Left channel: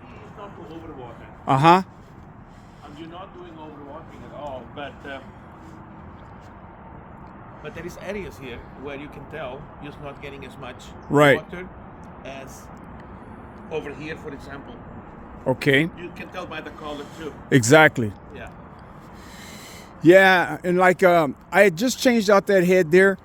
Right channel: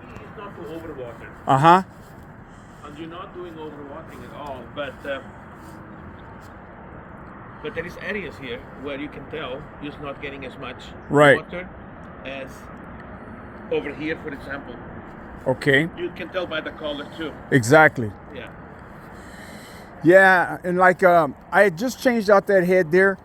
key is not to overwater. Uh-huh. And you're not doing overwatering at all, but there is areas here where you can tell you're just not getting as much water as over here, for example. Okay. You can tell by the color too. Exactly. Yeah. Yeah, and like I had just changed out that head there.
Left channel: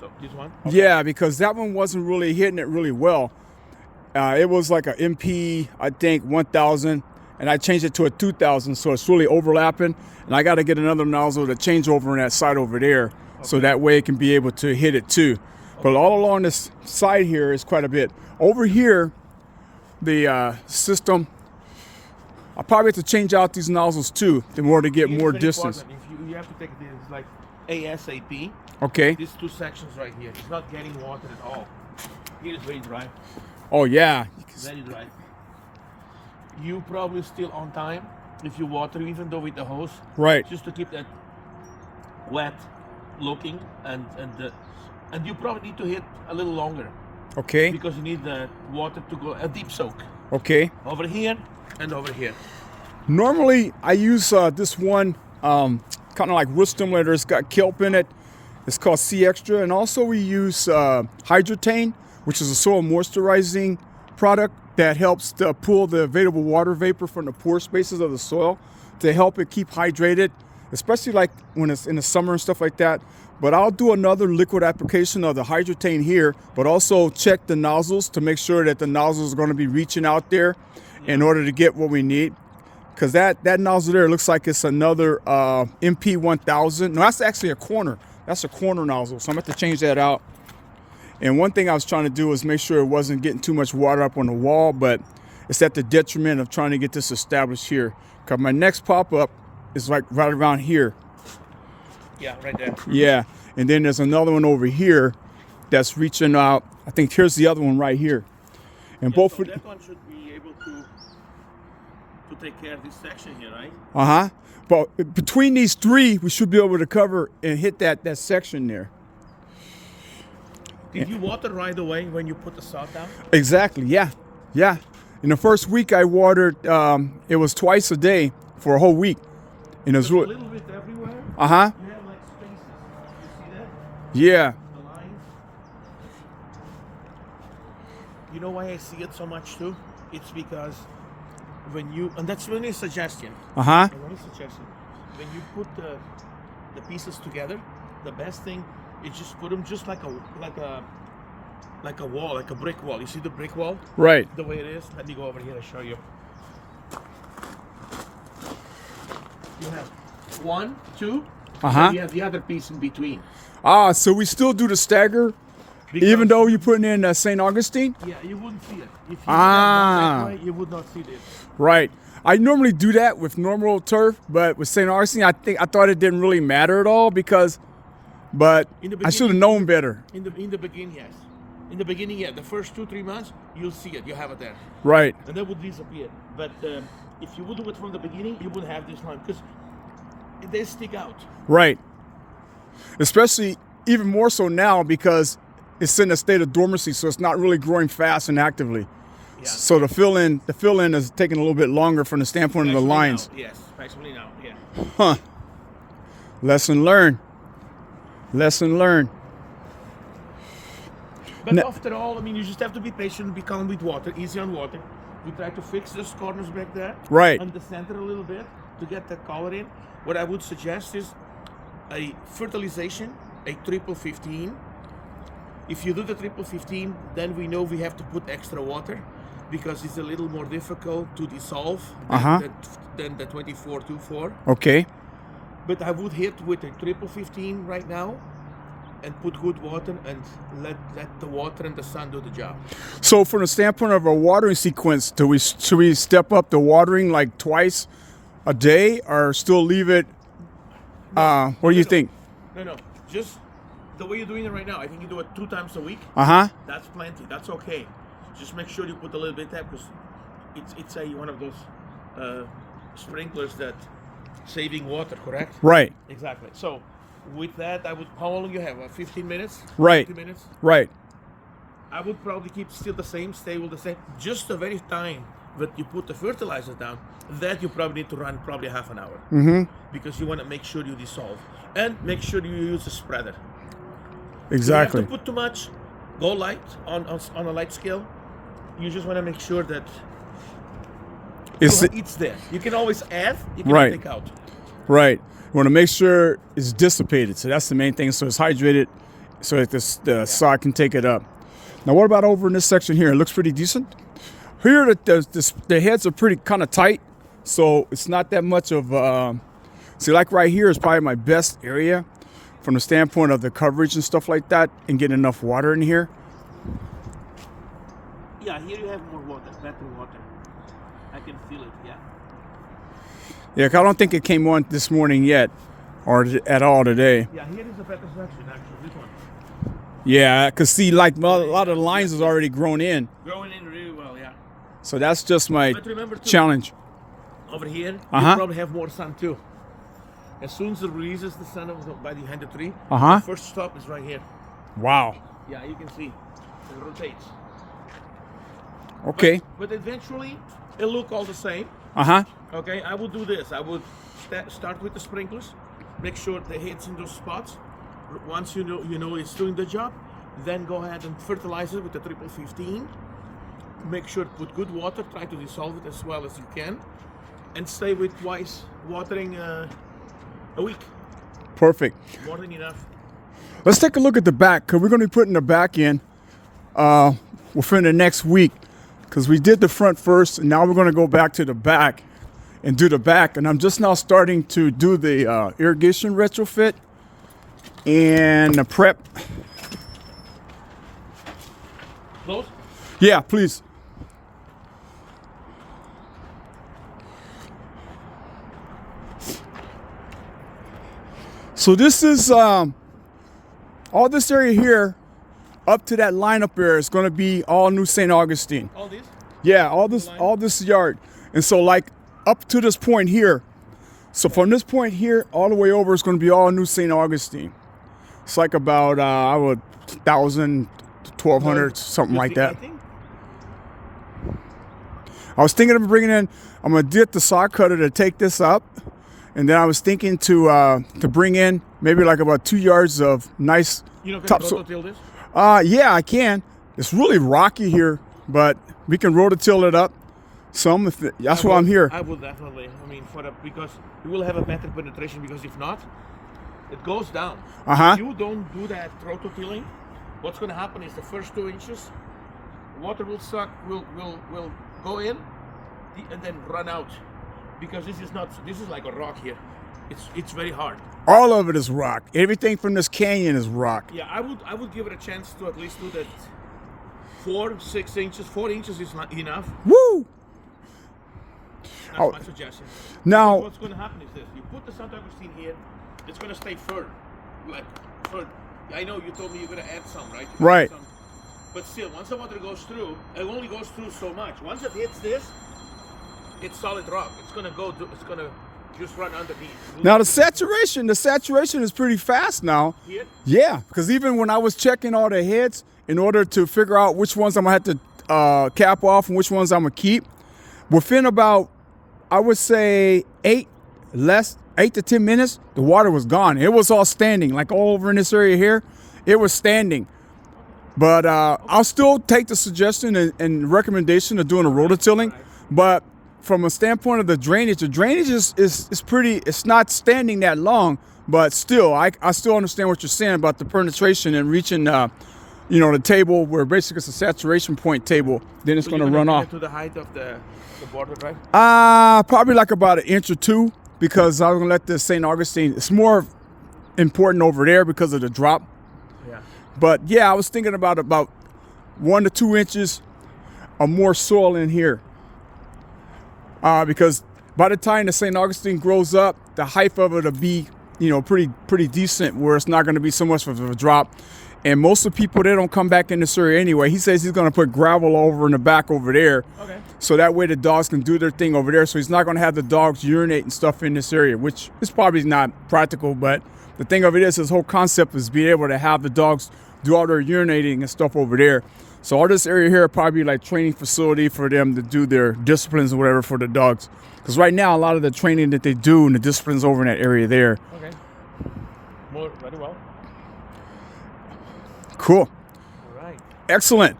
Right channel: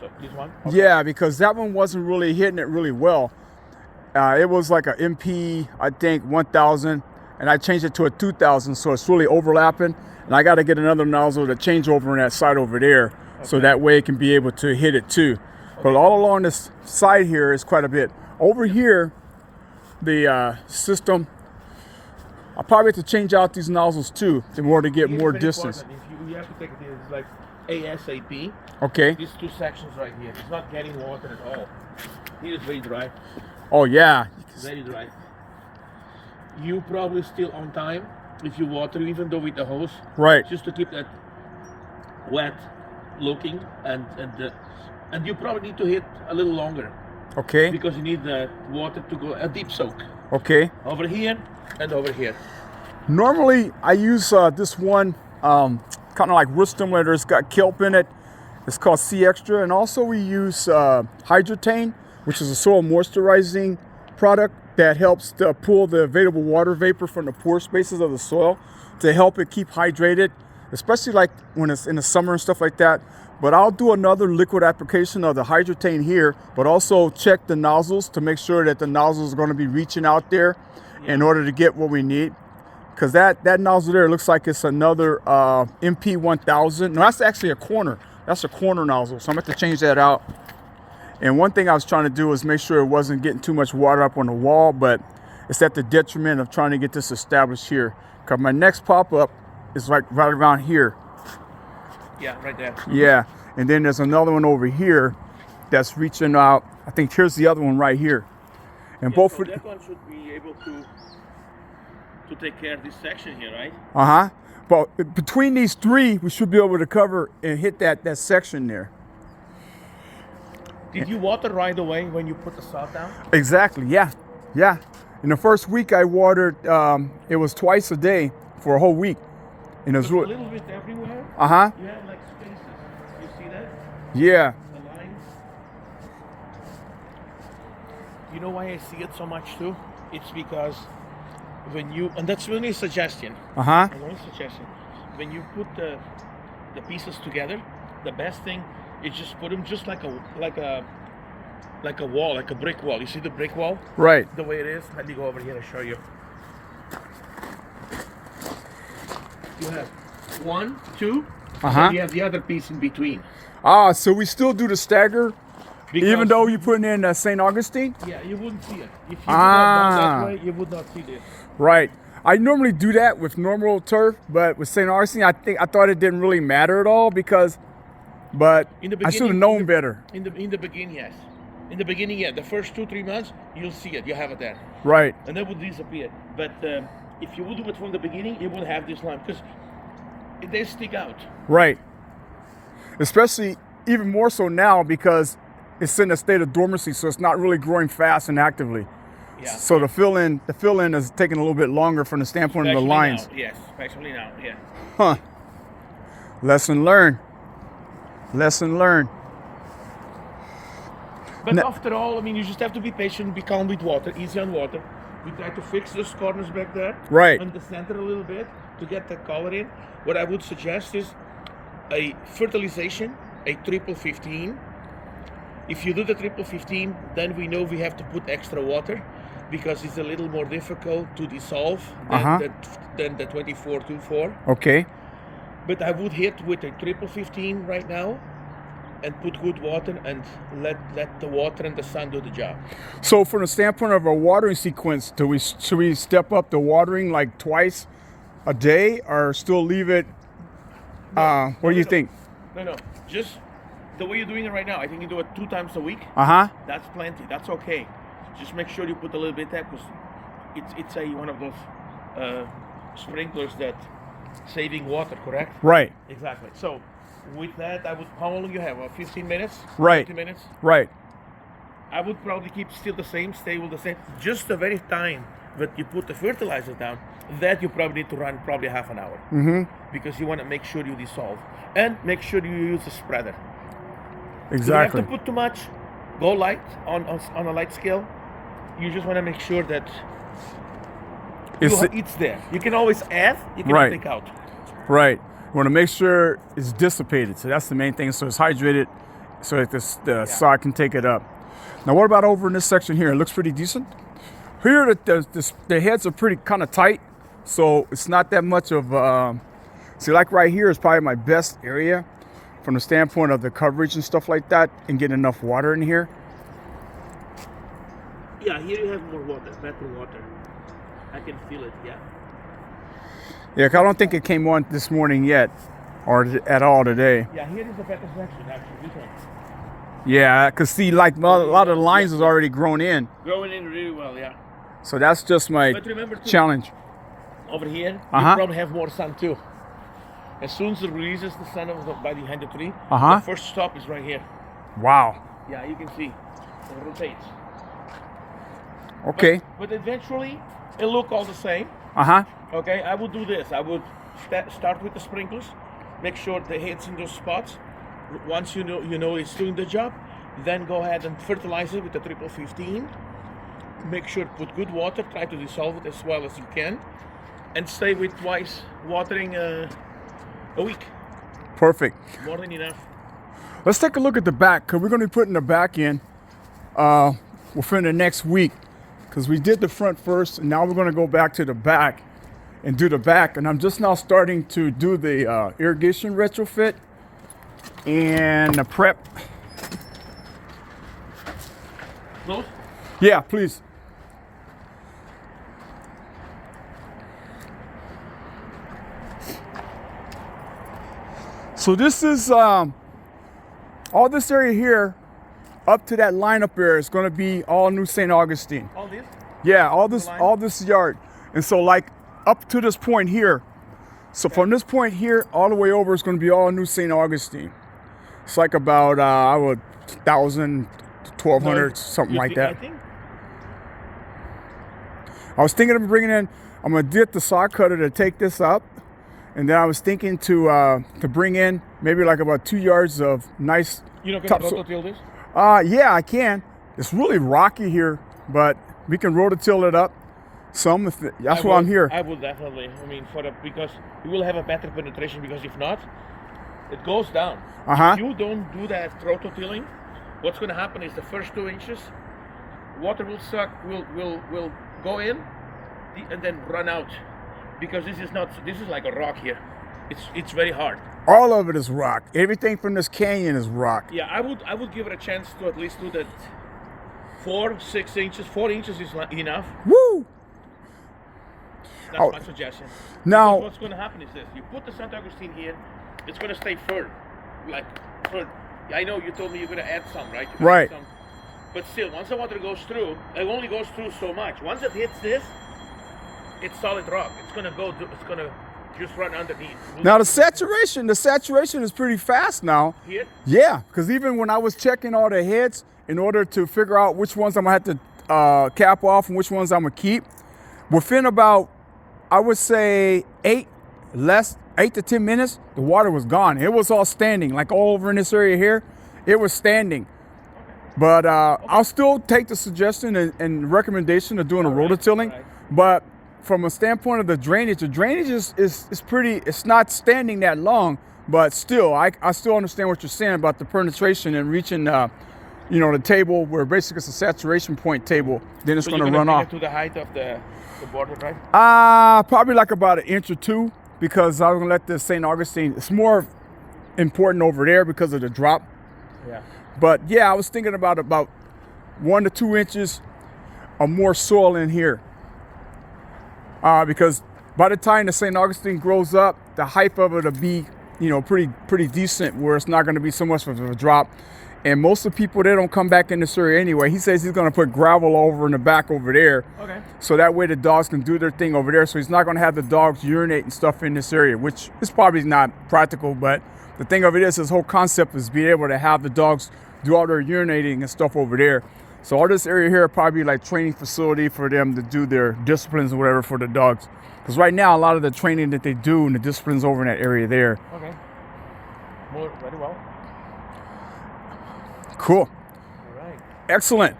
So this one? Okay. Yeah, because that one wasn't really hitting it really well. It was like a MP, I think 1000, and I changed it to a 2000, so it's really overlapping. And I got to get another nozzle to change over on that side over there, so that way it can be able to hit it too. But all along this side here is quite a bit. Over here, the system, I'll probably have to change out these nozzles too in order to get more distance. If you have to take this like ASAP. Okay. These two sections right here, it's not getting water at all. Here is very dry. Oh yeah. Very dry. You probably still on time if you water, even though with the hose. Right. Just to keep that wet looking, and you probably need to hit a little longer. Okay. Because you need the water to go a deep soak. Okay. Over here and over here. Normally I use this one kind of like root stimulator. It's got kelp in it. It's called SeaExtra, and also we use Hydretain, which is a soil moisturizing product that helps to pull the available water vapor from the pore spaces of the soil to help it keep hydrated, especially like when it's in the summer and stuff like that. But I'll do another liquid application of the Hydretain here, but also check the nozzles to make sure that the nozzles are going to be reaching out there in order to get what we need. Because that nozzle there looks like it's another MP 1000. No, that's actually a corner. That's a corner nozzle, so I'm going to have to change that out. And one thing I was trying to do was make sure it wasn't getting too much water up on the wall, but it's at the detriment of trying to get this established here. Because my next pop-up is like right around here. Yeah, right there. Yeah, and then there's another one over here that's reaching out. I think here's the other one right here. And both so that one should be able to take care of this section here, right? Uh-huh. But between these three, we should be able to cover and hit that section there. Did you water right away when you put the sod down? Exactly, yeah. Yeah. In the first week I watered, it was twice a day for a whole week. And it was a little bit everywhere. Uh-huh. You have like spaces. You see that? Yeah. The lines. You know why I see it so much too? It's because when you, and that's only a suggestion. Uh-huh. Only suggestion. When you put the pieces together, the best thing is just put them just like a wall, like a brick wall. You see the brick wall? Right. The way it is. Let me go over here and show you. You have 1, 2. And you have the other piece in between. Ah, so we still do the stagger, because even though you're putting in St. Augustine? Yeah, you wouldn't see it. If you that way, you would not see this. Right. I normally do that with normal turf, but with St. Augustine, I thought it didn't really matter at all because, but I should have known better. In the beginning, yes. In the beginning, yeah. The first 2-3 months, you'll see it. You have it there. Right. And then it would disappear. But if you would do it from the beginning, you wouldn't have this line because they stick out. Right. Especially even more so now because it's in a state of dormancy, so it's not really growing fast and actively. Yeah. So the fill in is taking a little bit longer from the standpoint of the lines. Now. Yes, especially now. Yeah. Huh. Lesson learned. Lesson learned. But after all, I mean, you just have to be patient, be calm with water, easy on water. We try to fix those corners back there. Right. On the center a little bit to get the color in. What I would suggest is a fertilization, a 15-15. If you do the 15-15, then we know we have to put extra water because it's a little more difficult to dissolve than the 24-24. Okay. But I would hit with a 15-15 right now and put good water and let the water and the sun do the job. So from the standpoint of a watering sequence, should we step up the watering like twice a day or still leave it? What do you think? No. Just the way you're doing it right now. I think you do it 2 times a week. That's plenty. That's okay. Just make sure you put a little bit there because it's one of those sprinklers that saving water, correct? Right. Exactly. So with that, I would. How long you have? 15 minutes. Right. 20 minutes. Right. I would probably keep still the same. Stay with the same. Just the very time but you put the fertilizer down, that you probably need to run probably half an hour. Because you want to make sure you dissolve. And make sure you use a spreader. Exactly. If you have to put too much, go light on a light scale. You just want to make sure that it's there. You can always add, you can take out. Right. You want to make sure it's dissipated. So that's the main thing. So it's hydrated so that the sod can take it up. Now what about over in this section here? It looks pretty decent. Here the heads are pretty kind of tight. So it's not that much of, see, like right here is probably my best area from the standpoint of the coverage and stuff like that, and getting enough water in here. Yeah, here you have more water, better water. I can feel it, yeah. Yeah, I don't think it came on this morning yet, or at all today. Yeah, here is a better section, actually, this one. Yeah, because see, like a lot of the lines is already grown in. Growing in really well, yeah. So that's just my challenge. Over here, you probably have more sun too. As soon as it releases the sun by behind the tree, the first stop is right here. Wow. Yeah, you can see it rotates. Okay. But eventually, it'll look all the same. Okay, I would do this. I would start with the sprinklers, make sure the head's in those spots. Once you know it's doing the job, then go ahead and fertilize it with the 15. Make sure to put good water. Try to dissolve it as well as you can, and stay with twice watering a week. Perfect. More than enough. Let's take a look at the back, because we're going to be putting the back in within the next week, because we did the front first, and now we're going to go back to the back and do the back. And I'm just now starting to do the irrigation retrofit and the prep. Close? Yeah, please. So this is all this area here up to that line up there is going to be all new St. Augustine. All this? Yeah, all this yard. And so like up to this point here, so from this point here all the way over is going to be all new St. Augustine. It's like about 1,000 to 1,200, something like that. I was thinking of bringing in, I'm going to get the saw cutter to take this up. And then I was thinking to bring in maybe like about 2 yards of nice. You know, can you rototill this? Yeah, I can. It's really rocky here, but we can rototill it up some. That's why I'm here. I will definitely. I mean, because you will have a better penetration. Because if not, it goes down. If you don't do that rototilling, what's going to happen is the first 2 inches, water will suck, will go in, and then run out. Because this is like a rock here. It's very hard. All of it is rock. Everything from this canyon is rock. Yeah, I would give it a chance to at least do that 4-6 inches. 4 inches is not enough. Woo! That's my suggestion. Now, because what's going to happen is this: you put the St. Augustine here, it's going to stay firm, like firm. I know you told me you're going to add some, right? Right. Some, but still, once the water goes through, it only goes through so much. Once it hits this, it's solid rock. It's gonna go. It's gonna just run underneath. Now the saturation is pretty fast now. Here? Yeah, because even when I was checking all the heads in order to figure out which ones I'm gonna have to cap off and which ones I'm gonna keep, within about, I would say 8 to 10 minutes, the water was gone. It was all standing, like all over in this area here. It was standing. But I'll still take the suggestion and recommendation of doing a rototilling. But from a standpoint of the drainage is pretty, it's not standing that long, but still, I still understand what you're saying about the penetration and reaching, the table where basically it's a saturation point table, then it's going to run off. To the height of the border, right? Probably like about 1 inch or 2, because I'm going to let the St. Augustine, it's more important over there because of the drop. Yeah. But yeah, I was thinking about 1 to 2 inches of more soil in here. Because by the time the St. Augustine grows up, the height of it will be, pretty decent, where it's not going to be so much of a drop. And most of the people, they don't come back in this area anyway. He says he's going to put gravel over in the back over there. Okay. So that way the dogs can do their thing over there. So he's not going to have the dogs urinate and stuff in this area, which is probably not practical. But the thing of it is, his whole concept is being able to have the dogs do all their urinating and stuff over there. So all this area here will probably be like training facility for them to do their disciplines or whatever for the dogs. Because right now, a lot of the training that they do and the disciplines over in that area there. Okay. More very well. Cool. All right. Excellent.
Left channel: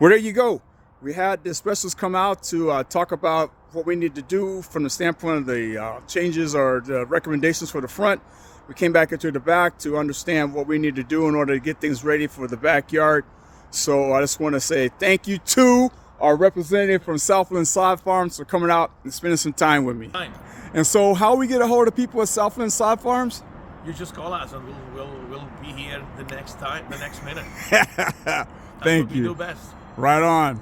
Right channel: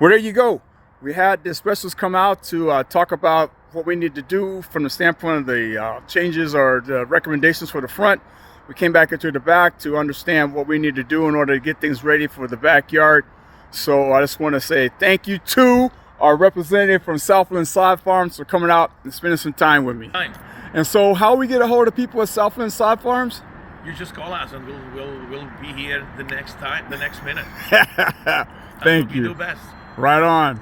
Well, there you go. We had the specialists come out to talk about what we need to do from the standpoint of the changes or the recommendations for the front. We came back into the back to understand what we need to do in order to get things ready for the backyard. So I just want to say thank you to our representative from Southland Sod Farms for coming out and spending some time with me. Fine. And so how we get a hold of people at Southland Sod Farms? You just call us and we'll be here the next minute. Thank You you. do best. Right on.